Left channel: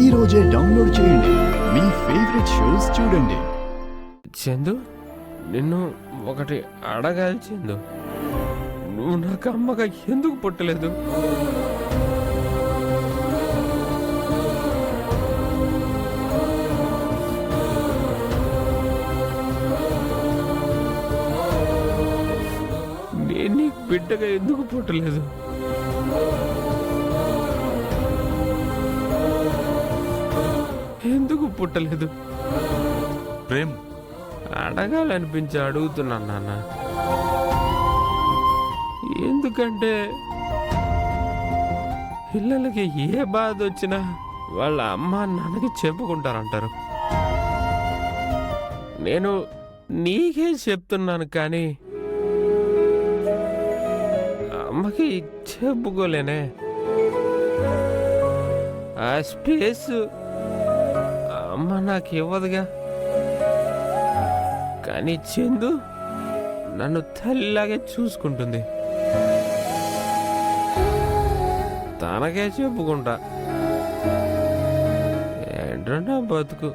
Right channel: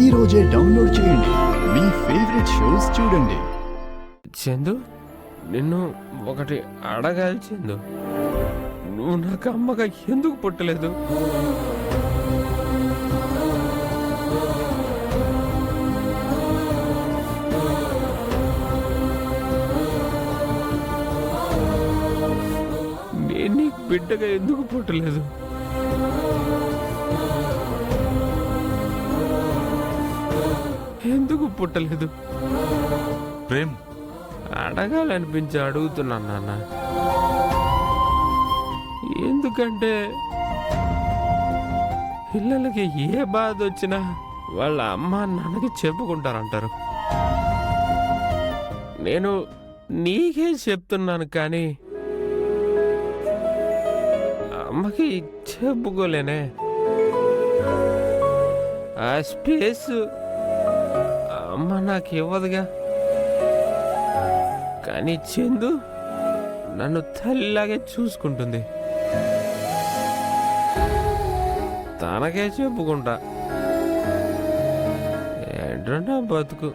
ఈ రోజే డౌన్లోడ్ చేయండి. మీ ఫేవరెట్ షోస్ చూడండి. చందు, నిన్ను ఒకటి అడగాలి చందు. నువ్వు నాకు అమ్మగా ఎందుకు పుట్టలేదు? నేను నీకు బిడ్డగా ఎందుకు పుట్టలేదు? ఎందుకు పుట్టలేదు? ప్రేమ్, అడగాలనిపించి అడుగుతున్నాను నాన్న. ఎందుకంటే పిల్లలకి ఏ బాధ వచ్చినా వాళ్ళ అమ్మ నాన్నకి చెప్పుకుంటారంటారు. నేను నీకే చెప్తున్నాను కానీ అమ్మకి చెప్పుకోలేనే. ఆ స్పేస్ అమ్మ నాకు ఇవ్వదుగా. కానీ చందు నన్ను తల్లిలాగే చూసుకుంటుంది. తనకే చెప్పుకుంటా. ఏంటో నా బతుకు.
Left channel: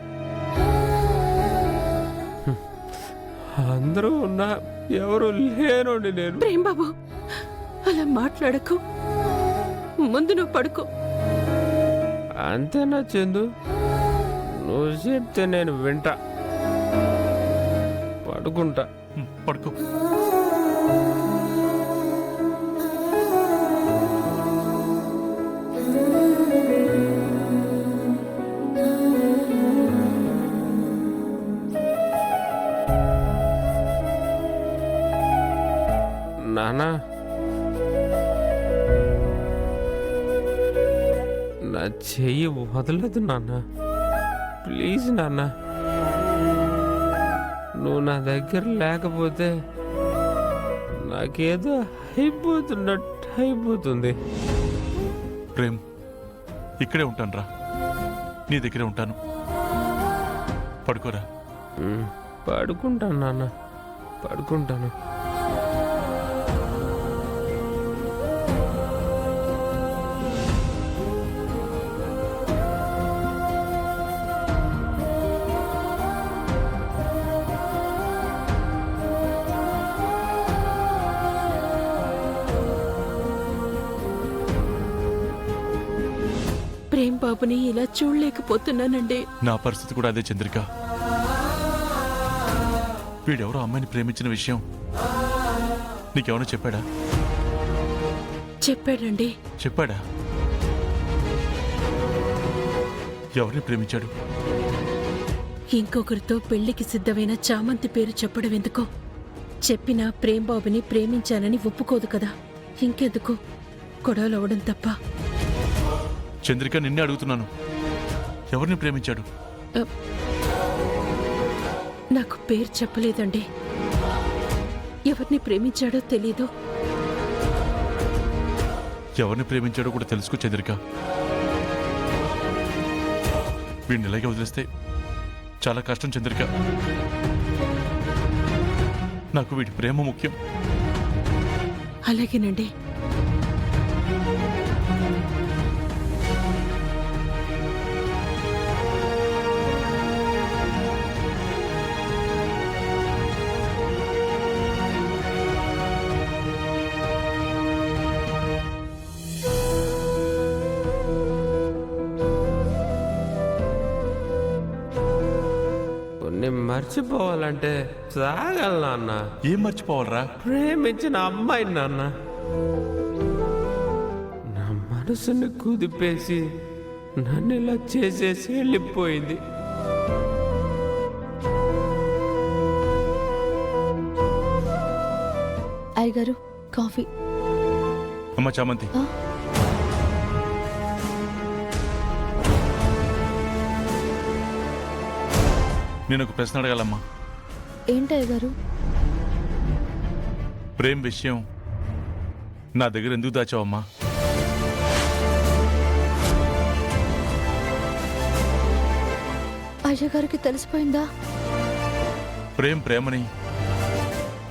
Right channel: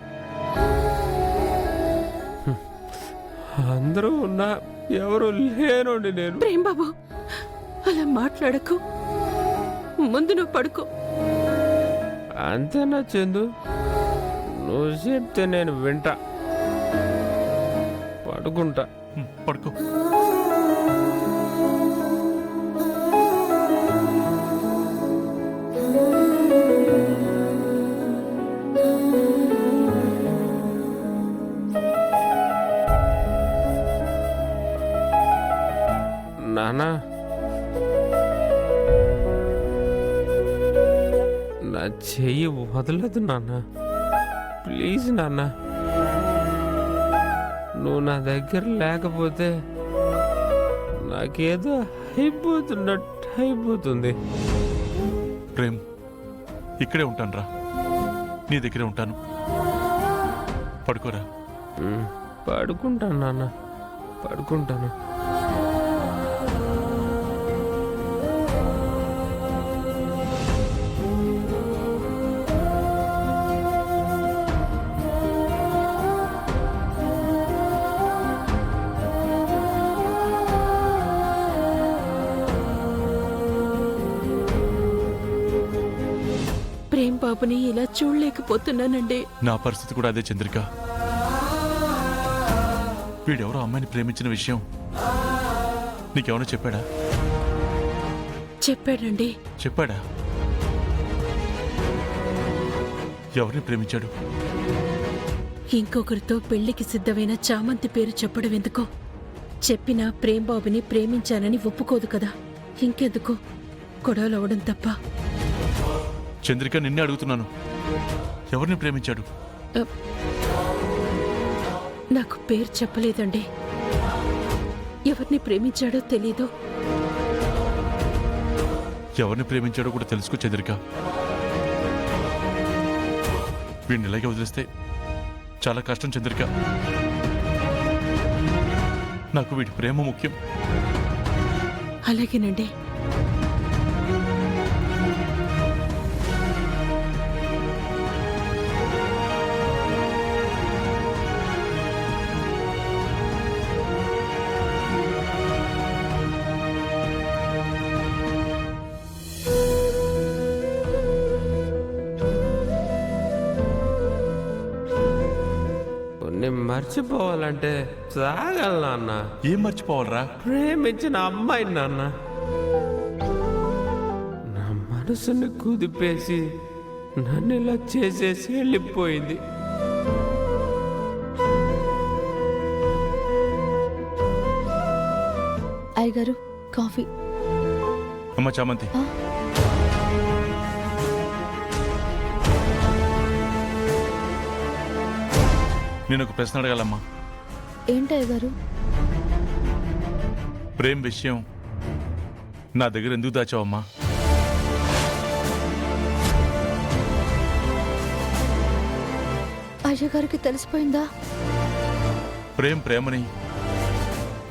అందరూ ఉన్నా ఎవరు లేనండి నేను. ప్రేమ్ బాబు, అలా మాట్లాడకు. ముందు నువ్వు పడుకో. అంతేనా చందు? నువ్వు చెప్తే నేను వింటా. పడుకుంటా. పడుకో. నానా, నా చెయ్యి వదలదు నాన్న. ప్లీజ్ నాన్న, నువ్వు నా దగ్గర లేకపోతే నాకేదో అయిపోతున్నట్టు అయిపోతుంది. ప్రేమ్, ఇక్కడే ఉంటాను రా. నీ దగ్గరే ఉంటాను. పడుకోరా. పడుకుంటాను నాన్న, పడుకుంటాను. ప్రేమ్ బాబుని ఇలా చూడలేకపోతున్నానండి. నా పరిస్థితి కూడా అదే చంద్రిక. వీడెవరో అమ్మాయిని ప్రేమించిన విషయం నీకేమైనా చెప్పాడా? చెప్పాడండి. చెప్పాడా? ఎవరిని ప్రేమించాడు? ఇంకొకరితో పెళ్లికి సిద్ధమైన చామంతి పేరు చెప్పడం ఎందుకో? చెప్పినా ప్రేమ్ బాబుని ప్రేమించానని ఒప్పుకోదు కదా. ఇంకెందుకు గొడవలవడం తప్ప. చంద్రిక, నిన్నే అడుగుతున్నాను. ఎవరిని ప్రేమించాడు? నాకు పేరు చెప్పలేదండి. ఎవరిని ప్రేమించాడో తెలీదు. ఎవరిని ప్రేమించాడో కూడా తెలుసుకో చంద్రిక. వీడిని ఇలాగే వదిలేస్తే చాలా కష్టం చంద్రిక. నాకు వీడి ప్రేమ ముఖ్యం. అలాగేనండి. కొన్ని మర్చిపోవాలంటే సాగాలి నాన్న. ఏం మర్చిపోవాలరా? ప్రేమించిన అమ్మాయి నాన్న. నా మనసుని కుదిపేసి నన్ను ఇలా చేసేసి వెళ్ళిపోయింది. అయ్యగారు, కాఫీ. అమ్మ చామంతి, నేను ఒక ప్రశ్న అడగాలమ్మా. ఏంటయ్యగారు? ప్రేమ్ విషయం నా దగ్గర ఎందుకు దాచావమ్మా? అయ్యగారికి తెలిసిపోయిందా? ప్రేమని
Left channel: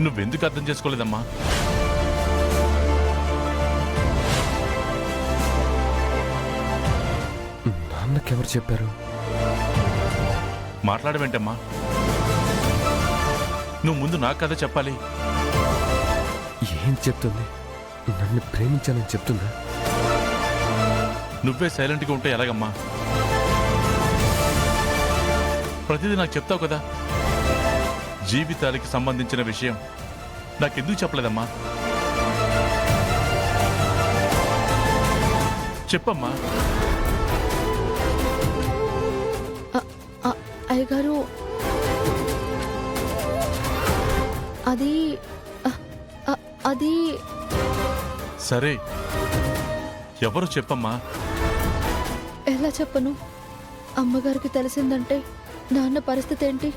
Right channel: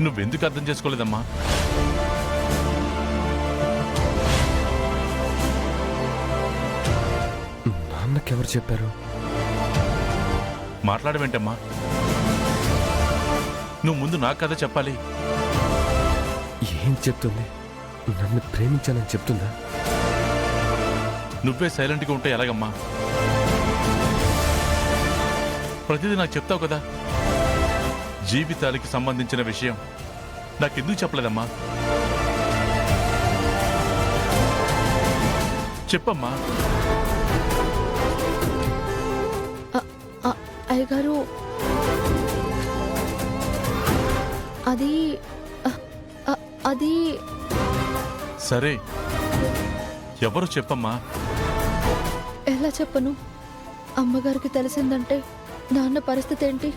నువ్వెందుకు అర్థం చేసుకోలేదమ్మా? నాన్నకెవరు చెప్పారు? మాట్లాడవేంటమ్మా? నువ్వు ముందు నాకు కథ చెప్పాలి. ఏం చెప్తుంది? నన్ను ప్రేమించానని చెప్తుందా? నువ్వే సైలెంట్గా ఉంటే ఎలాగమ్మా? ప్రతిదీ నాకు చెప్తావు కదా. జీవితాలకి సంబంధించిన విషయం నాకెందుకు చెప్పలేదమ్మా? చెప్పమ్మా. అయ్యగారు అది అది సరే, ఎవరు చెప్పమ్మా? ఎలా చెప్పను? అమ్మగారికి తెలిసిందంటే నాన్న పరిస్థితి ఏంటి?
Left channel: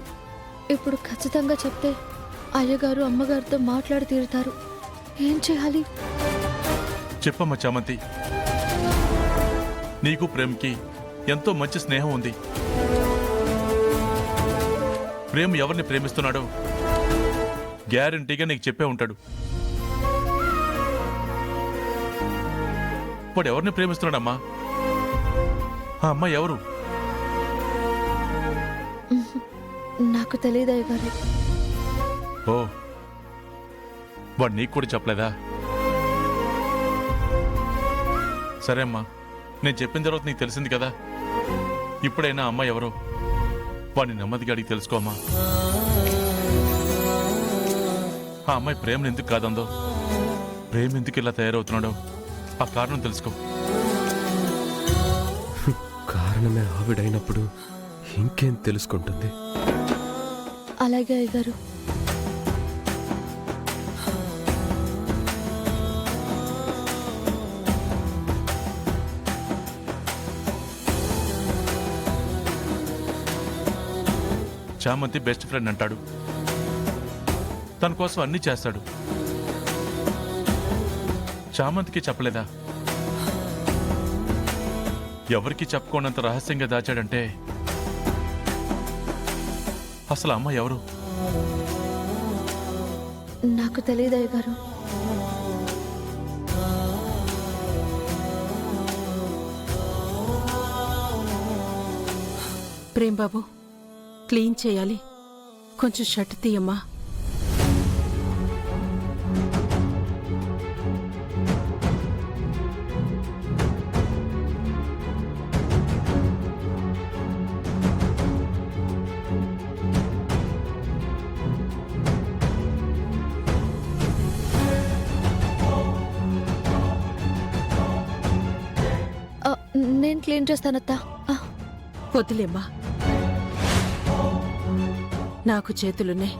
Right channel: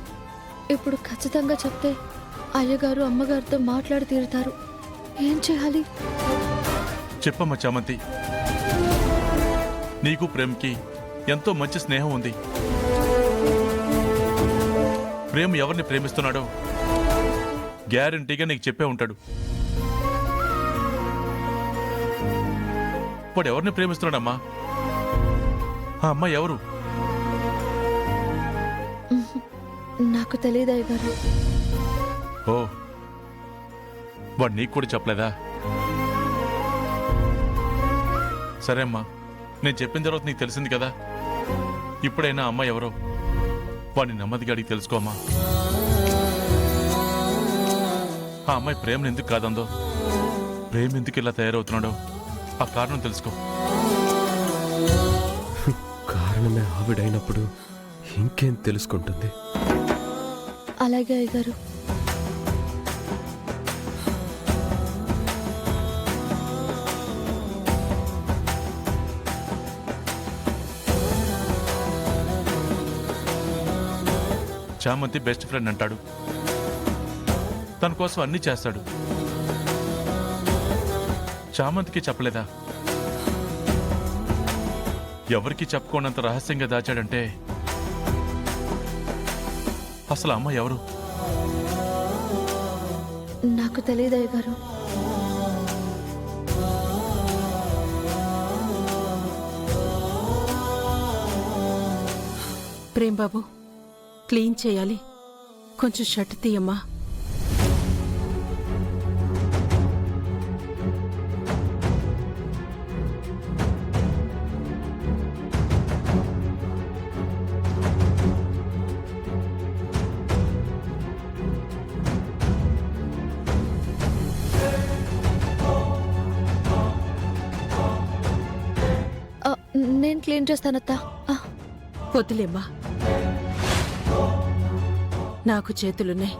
ఇప్పుడు ఖచ్చితంగా చెప్తే అయ్యగారు అమ్మగారితో మాట్లాడి తీరుతారు. ఏం చేయాలి? చెప్పమ్మా చామంతి. నీకు ప్రేమ్కి ఎంతో మంచి స్నేహం ఉంది. ప్రేమ్ ఎవరిని ప్రేమిస్తున్నాడో గ్యారంటీగా నీకు చెప్పే ఉంటాడు. వాడు ఎవరిని ప్రేమిస్తున్నాడమ్మా? ఆ అమ్మాయి ఎవరు? నాకు తెలియదు అయ్యగారు. ఓ, వాడు నీకు కూడా చెప్పలేదా? సరే అమ్మా, నేను చెప్పిన తర్వాత నీకు తెలిసింది కదా. ఇప్పుడైనా అమ్మాయి ఎవరో వాడిని నెమ్మదిగా అడిగి తెలుసుకోమ్మా. ఆ అమ్మాయి ప్రేమను ఎందుకు కాదందో, ప్రేమ ఎందుకు ఇలా తయారవుతున్నాడో ఆ కారణం తెలుసుకో. కారణమే ఆవిడైనప్పుడు ఇంకేం తెలుసుకుంటుంది? అలాగే అయ్యగారు. చామంతి బెస్ట్ ఫ్రెండ్ అంటాడు. తన కోసం అన్నీ చేస్తాడు. చామంతికి చెప్పలేదా? ఎవరికి చెప్పుకోనంత రహస్యంగా దాచాడంటే అసలు అమ్మ ఎవరు? నాకు తెలియదు అయ్యగారు. ప్రేమ్ బాబు, క్లీన్ చేయాలి. కొంచెం షర్ట్ తీయమ్మా. నేను క్లీన్ చేస్తానత్తా. వద్దులేమ్మా, నాకు చేతులున్నాయి.